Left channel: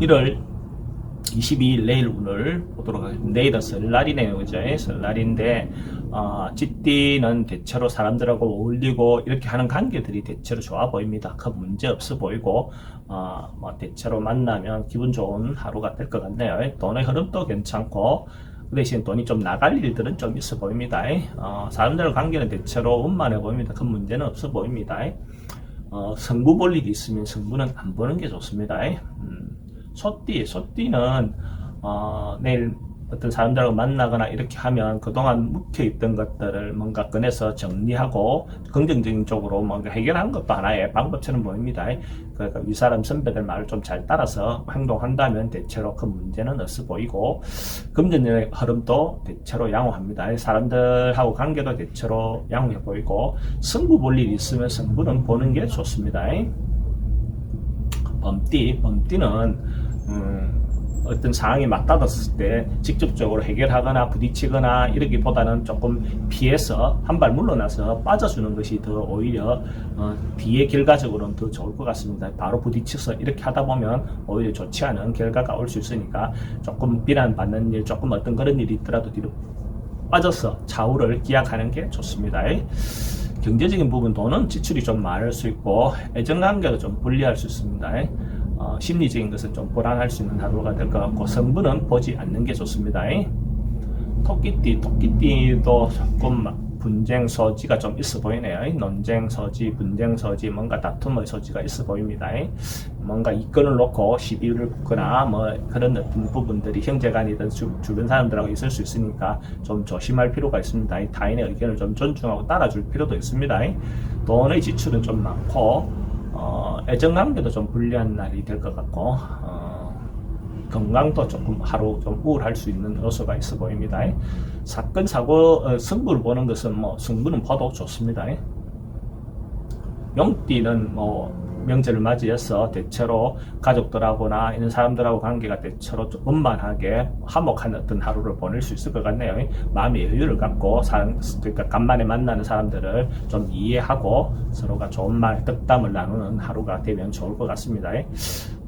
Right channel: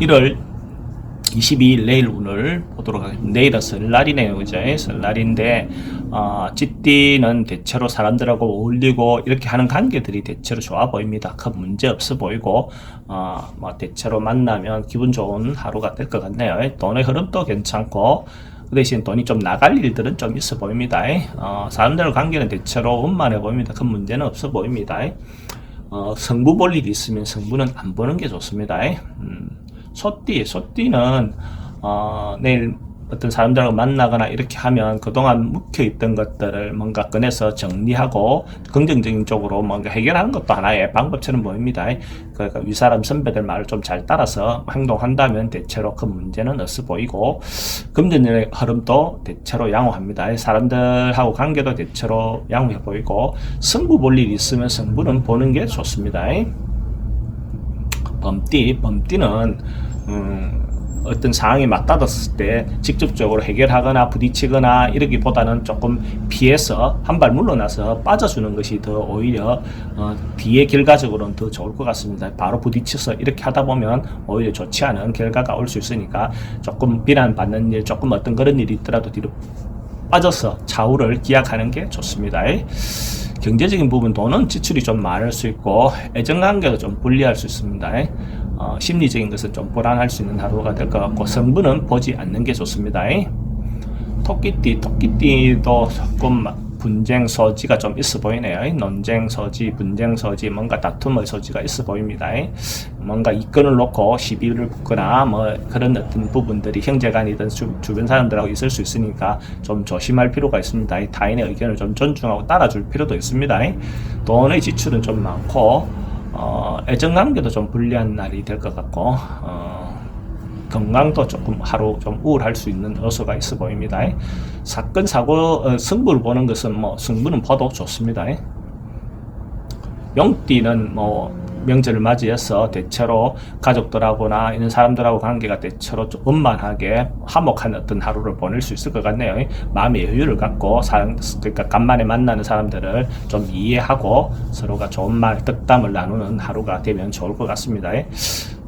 1월 22일 내일 오늘 보도록 하겠습니다. 내일은 설날이네요. 그죠? 설날인데, 어, 찌띠는 대체로 사람들하고 어울리고 이렇게 하는 관계들이 대체로 좋아 보입니다. 큰 문제 없어 보이고, 어, 뭐 대체로 만나면 기분 좋은 하루가 될 것 같네요. 돈의 흐름도 괜찮고, 그 대신 돈이 좀 나갈 일들은 좀 있어 보입니다. 어, 사람들과 관계는 대체로 원만해 보입니다. 큰 문제는 없어 보입니다. 어, 성부 볼 일이 있으면 성부는 안 보는 게 좋습니다. 음, 소띠, 소띠는 어, 내일 어떤 사람들하고 만나거나 이렇게 하면 그동안 묵혀있던 것들을 뭔가 꺼내서 정리하고 긍정적인 쪽으로 뭔가 해결하는 것도 하나의 방법처럼 보입니다. 그러니까 윗사람 선배들 말을 좀 잘 따라서 행동한다면 대체로 큰 문제는 없어 보이고 금전의 흐름도 대체로 양호합니다. 사람들하고 관계도 대체로 양호해 보이고 승부 볼 일이 있으면 승부는 보는 게 좋습니다. 범띠, 범띠는 음, 어떤 상황이 맞닿았을 때 직접적으로 해결하거나 부딪히거나 이러기보다는 조금 피해서 한 발 물러나서 빠져주는 것이 더 오히려 어, 뒤의 결과적으로는 더 좋을 것 같습니다. 바로 부딪혀서 이렇게 하다 보면 오히려 좋지 않은 결과가 올 수 있으니까 조금 비난받는 일, 조금 어떤 그런 일이 있더라도 뒤로 빠져서 좌우를 기약하는 게 좋습니다. 경제적인 부분 돈은 지출이 좀 많을 수 있고 애정관계도 좀 불리할 수 있습니다. 어, 심리적인 것은 좀 불안할 수 있는 하루가 될 것 같고 성분은 보지 않는 게 좋습니다. 토끼띠, 토끼띠도 조금 분쟁 소지가 좀 있어 보이네요. 논쟁 소지, 분쟁 소지, 뭔가 다툼의 소지가 있어 보입니다. 뭔가 이권을 놓고 시비를 붙거나 뭐 그런 어떤 부분들이 형제간이든 주, 주변 사람들하고 있을 수 있으니까 좀 조심할 필요가 있습니다. 타인의 의견을 좀 존중하고 따라줄 필요도 있습니다. 돈의 지출은 좀 많고 어, 애정 관계도 좀 불리한 날이 될 것 같고 어, 건강도 조금 하루 좀 우울할 수 있는 요소가 있어 보입니다. 사건 사고 어, 승부를 보는 것은 뭐 승부는 봐도 좋습니다. 용띠는 뭐 명절을 맞이해서 대체로 가족들하고나 이런 사람들하고 관계가 대체로 좀 원만하게 화목한 어떤 하루를 보낼 수 있을 것 같네요. 마음의 여유를 갖고 사람, 그러니까 간만에 만나는 사람들을 좀 이해하고 서로가 좋은 말, 덕담을 나누는 하루가 되면 좋을 것 같습니다.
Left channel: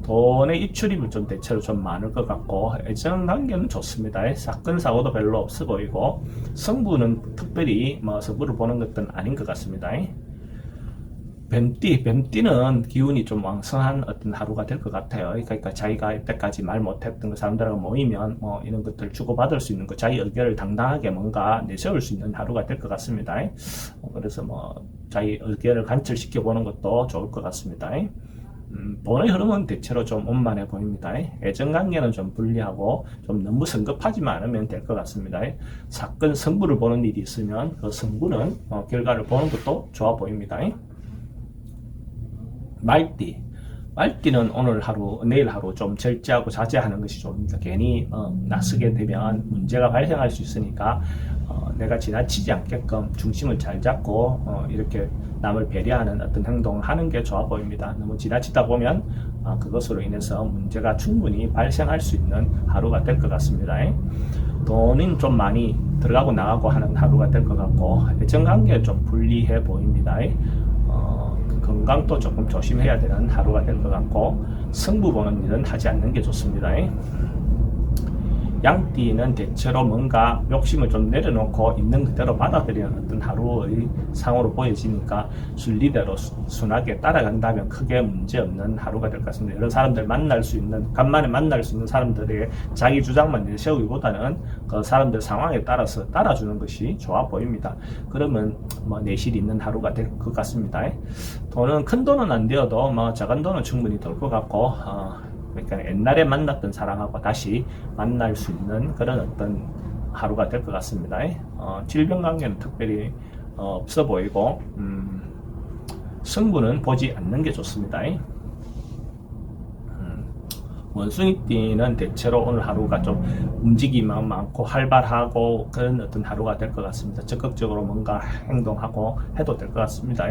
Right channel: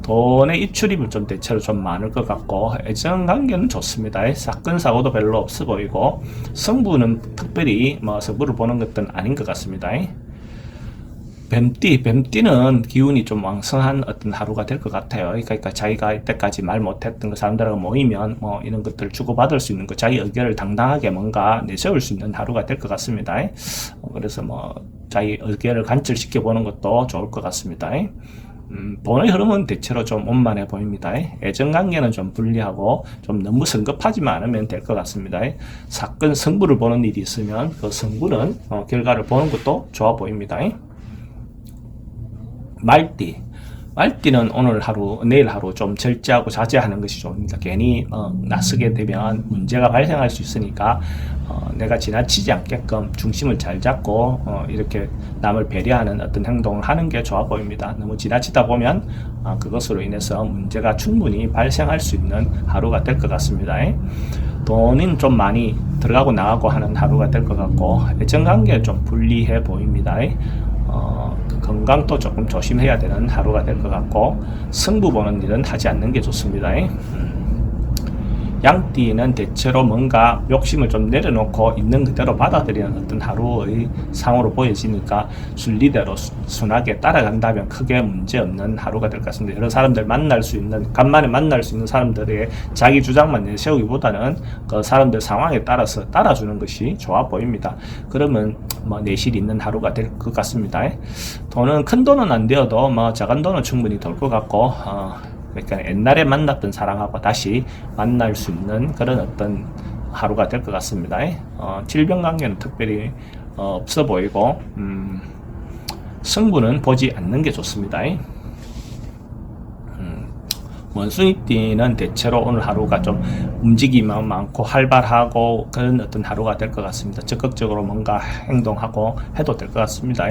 돈의 입출입은 좀 대체로 좀 많을 것 같고 애정 관계는 좋습니다. 사건 사고도 별로 없어 보이고 성부는 특별히 뭐 성부를 보는 것은 아닌 것 같습니다. 뱀띠, 뱀띠는 기운이 좀 왕성한 어떤 하루가 될 것 같아요. 그러니까 자기가 이때까지 말 못했던 그 사람들하고 모이면 뭐 이런 것들을 주고받을 수 있는 것, 자기 의견을 당당하게 뭔가 내세울 수 있는 하루가 될 것 같습니다. 어, 그래서 뭐 자기 의견을 관철시켜 보는 것도 좋을 것 같습니다. 음, 돈의 흐름은 대체로 좀 원만해 보입니다. 애정관계는 좀 불리하고 좀 너무 성급하지만 않으면 될 것 같습니다. 사건 승부를 보는 일이 있으면 그 승부는 어, 결과를 보는 것도 좋아 보입니다. 말띠. 말띠는 오늘 하루, 내일 하루 좀 절제하고 자제하는 것이 좋습니다. 괜히 어, 나서게 되면 문제가 발생할 수 있으니까 어, 내가 지나치지 않게끔 중심을 잘 잡고 어, 이렇게 남을 배려하는 어떤 행동을 하는 게 좋아 보입니다. 너무 지나치다 보면 어, 그것으로 인해서 문제가 충분히 발생할 수 있는 하루가 될 것 같습니다. 돈은 좀 많이 들어가고 나가고 하는 하루가 될 것 같고 애정관계 좀 불리해 보입니다. 어, 그 건강도 조금 조심해야 되는 하루가 될 것 같고 승부 보는 일은 하지 않는 게 좋습니다. 음. 양띠는 대체로 뭔가 욕심을 좀 내려놓고 있는 그대로 받아들이는 어떤 하루의 상으로 보여지니까 순리대로 수- 순하게 따라간다면 크게 문제없는 하루가 될 것 같습니다. 여러 사람들 만날 수 있는 간만에 만날 수 있는 사람들의 자기 주장만 내세우기보다는 그 사람들 상황에 따라서 따라주는 것이 좋아 보입니다. 그러면 뭐 내실 있는 하루가 될 것 같습니다. 돈은 큰 돈은 안 되어도 뭐 작은 돈은 충분히 될 것 같고 어, 그러니까 옛날에 만났던 사람하고 다시 만날 수 있는 그런 어떤 하루가 될 것 같습니다. 어, 질병 관계는 특별히 어, 없어 보이고 음, 승부는 보지 않는 게 좋습니다. 원숭이띠는 대체로 오늘 하루가 좀 움직임만 많고 활발하고 그런 어떤 하루가 될 것 같습니다. 적극적으로 뭔가 행동하고 해도 될 것 같습니다.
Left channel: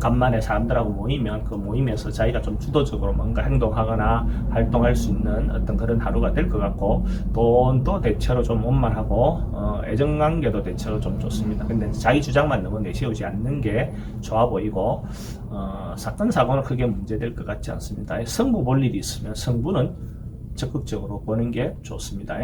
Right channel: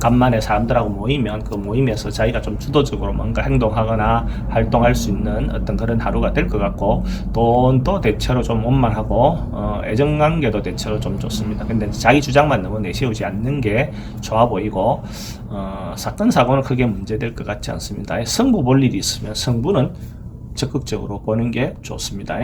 간만에 사람들하고 모이면 그 모임에서 자기가 좀 주도적으로 뭔가 행동하거나 활동할 수 있는 어떤 그런 하루가 될 것 같고 돈도 대체로 좀 원만하고 어, 애정관계도 대체로 좀 좋습니다. 근데 자기 주장만 너무 내세우지 않는 게 좋아 보이고 어, 사건 사고는 크게 문제될 것 같지 않습니다. 승부 볼 일이 있으면 승부는 적극적으로 보는 게 좋습니다.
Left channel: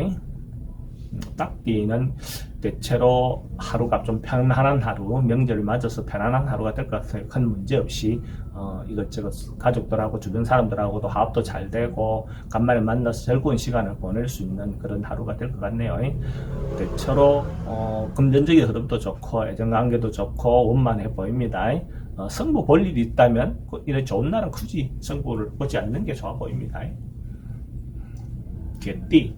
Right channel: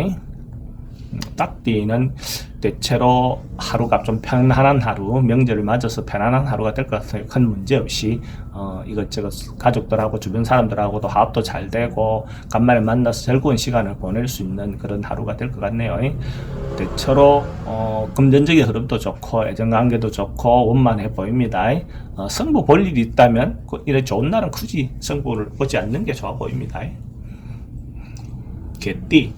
음, 딱띠는 대체로 하루가 좀 편안한 하루, 명절을 맞아서 편안한 하루가 될 것 같아요. 큰 문제 없이 어, 이것저것 가족들하고 주변 사람들하고도 화합도 잘 되고 간만에 만나서 즐거운 시간을 보낼 수 있는 그런 하루가 될 것 같네요. 대체로 어, 금전적인 흐름도 좋고 애정관계도 좋고 원만해 보입니다. 어, 승부 볼 일이 있다면 그 이래 좋은 날은 굳이 승부를 보지 않는 게 좋아 보입니다. 개띠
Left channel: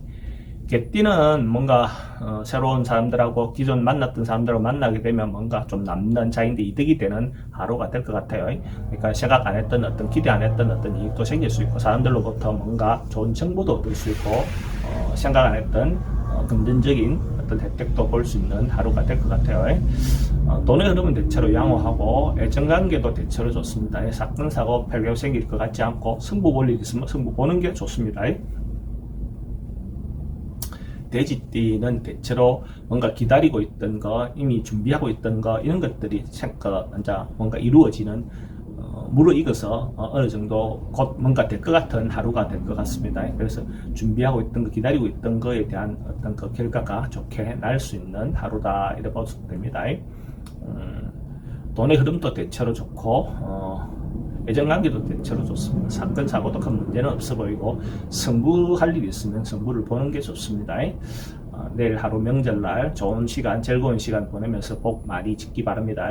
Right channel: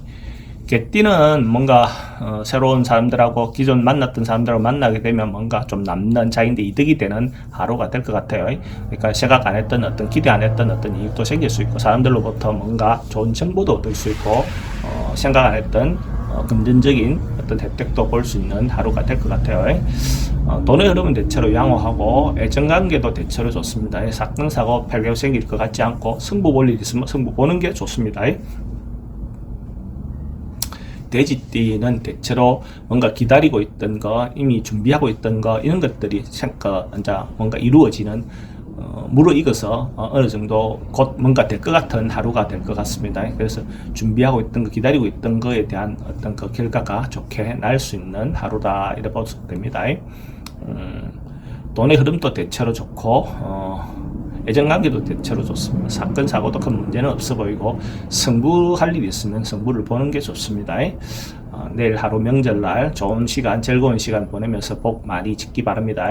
개띠는 뭔가 어, 새로운 사람들하고 기존 만났던 사람들하고 만나게 되면 뭔가 좀 남는 자기인데 이득이 되는 하루가 될 것 같아요. 그러니까 생각 안 했던 어떤 기대 안 했던 어떤 이익도 생길 수 있고 사람들로부터 뭔가 좋은 정보도 얻을 수 있고 어, 생각 안 했던 어, 금전적인 어떤 혜택도 볼 수 있는 하루가 될 것 같아요. 어, 돈의 흐름은 대체로 양호하고 애정관계도 대체로 좋습니다. 사건 사고 별로 생길 것 같지 않고 승부 볼 일 있으면 승부 보는 게 좋습니다. 돼지띠는 대체로 뭔가 기다리고 있던 거, 이미 준비하고 있던 거 이런 것들이 뭔가 이루어지는 어, 무르익어서 어, 어느 정도 곧 뭔가 될 것 같은 하루가 될 것 같습니다. 그래서 준비하고 있던 거, 기다리고 있던 거에 대한 어떤 그 결과가 좋게 날 수 있는 하루다 이렇게 봐도 됩니다. 음, 돈의 흐름도 대체로 좋고 어, 애정관계도 대체로 좋습니다. 사건 사고도 큰 문제는 없어 보이고 승부할 일이 있으면 승부를 보는 게 좋습니다. 어, 내일 하루 명절날 좋은 시간, 즐거운 시간 보내면서 복 많이 짓기 바랍니다.